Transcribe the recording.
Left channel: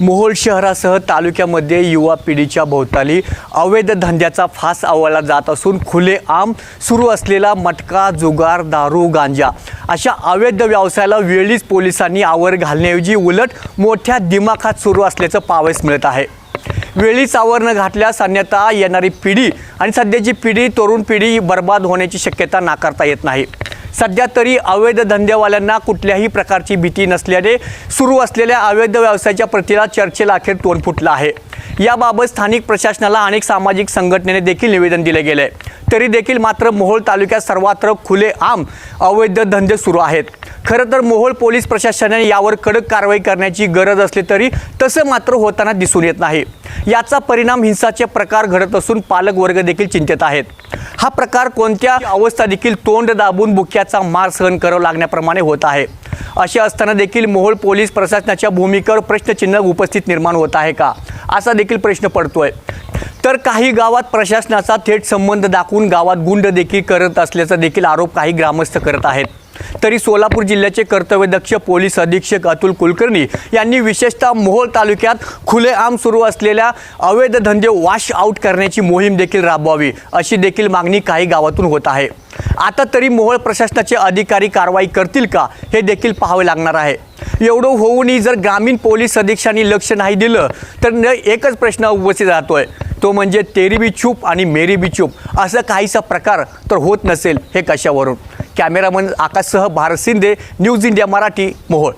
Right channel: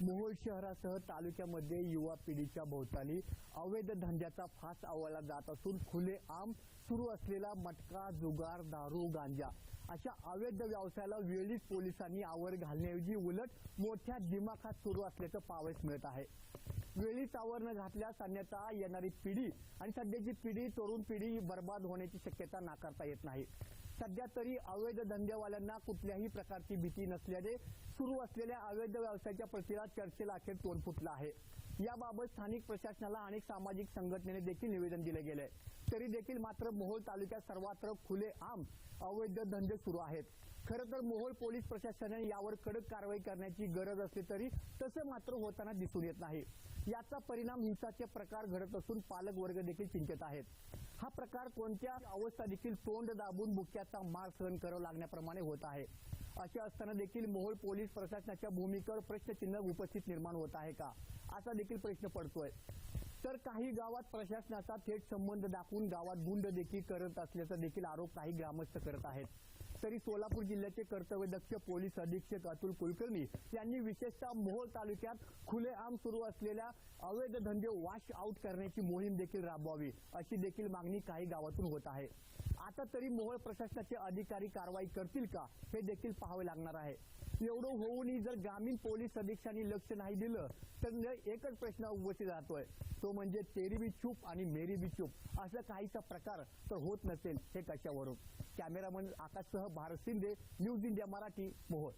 मोहोळ शहरासह तालुक्यामध्ये युवा पिढीच्या भोवताली अवैध धंद्याचा फास आवळला जात असून खुले आम सुरू असलेला मटका जुगार दारू गांजा अशा अवैध व्यवसायाला वेळीच पोलिसांनी आवर घालण्याऐवजी उलट मोठ्या दिमाखात सुरू असल्याचं पावस मिळत आहे. वेळीच आवर न घातल्यास अन्यथा येणारी पिढी आणि सध्याची पिढी तरुण पिढी बर्बाद होण्याची शक्यता नाकारता येत नाही. सध्या तरी अवैध धंदेवाल्यांना कुठल्याही प्रकारची भीती नसल्याने सुरू असलेल्या अवैध व्यवसायाच्या प्रतीला चर्चेला अखेर तोंड फुटलं आहे. याबाबत स्थानिक प्रशासनाला अनेक सामाजिक संघटनेने देखील निवेदन दिले गेले. तरी देखील मात्र मोहोळ तालुक्यात सर्वत्र खुले आम अवैध धंदे सुरू आहेत. खरं तर मोहोळ पोलीस प्रशासनाने यावर कडक कारवाई करण्याची गरज असली तरी तसं मात्र होताना दिसून येत नाही. याचा परिणाम हिंसाचे प्रकार घडत असून पालक वर्ग देखील चिंतेत आहेत. हा प्रकार कोणत्या अवस्था देखील तोंड दाबून बुक्याचा मार सहन करावा लागण्याप्रमाणे होत आहे. असे असताना देखील मोहोळ पोलीस प्रशासनाच्या भूमिकेवर प्रश्नचिन्ह उपस्थित निर्माण होत आहे का? असा देखील प्रश्न पडतोय. तर काही गावात प्रशासनाचा थेट संबंध दाखवून गावात गुंड देखील करत असल्याचा देखील आरोप काही ग्रामस्थ करत आहेत. तरी सोलापूर जिल्ह्याचे कर्तव्यदक्ष पोलीस अधीक्षक अतुल कुलकर्णी यांनी विशेषतः मोहोळ तालुक्यात खुलेआम सुरू असलेल्या अवैध धंदे वॉश आऊट करण्याची मोहीम देखील राबवावी अशी देखील मागणी काही गावातून होत आहे. आता तरी मोहोळ प्रशासनाचे अधिकारी कारवाई करतील का हे देखील पाहावे लागणार आहे. एवढं होऊनही जर ग्रामीण पोलीस अधीक्षांनी लक्ष नाही दिलं तर न एकच प्रश्न उपस्थित राहतोय. तो म्हणजे तेरी बी चूप आणि मेरी बी चूप असं काहीसा प्रकार तर होत नसेल हे कशावरून? कॅमेरामन आकाशसह भारत शिंदे न्यूज इंडिया मराठी मोहोळ.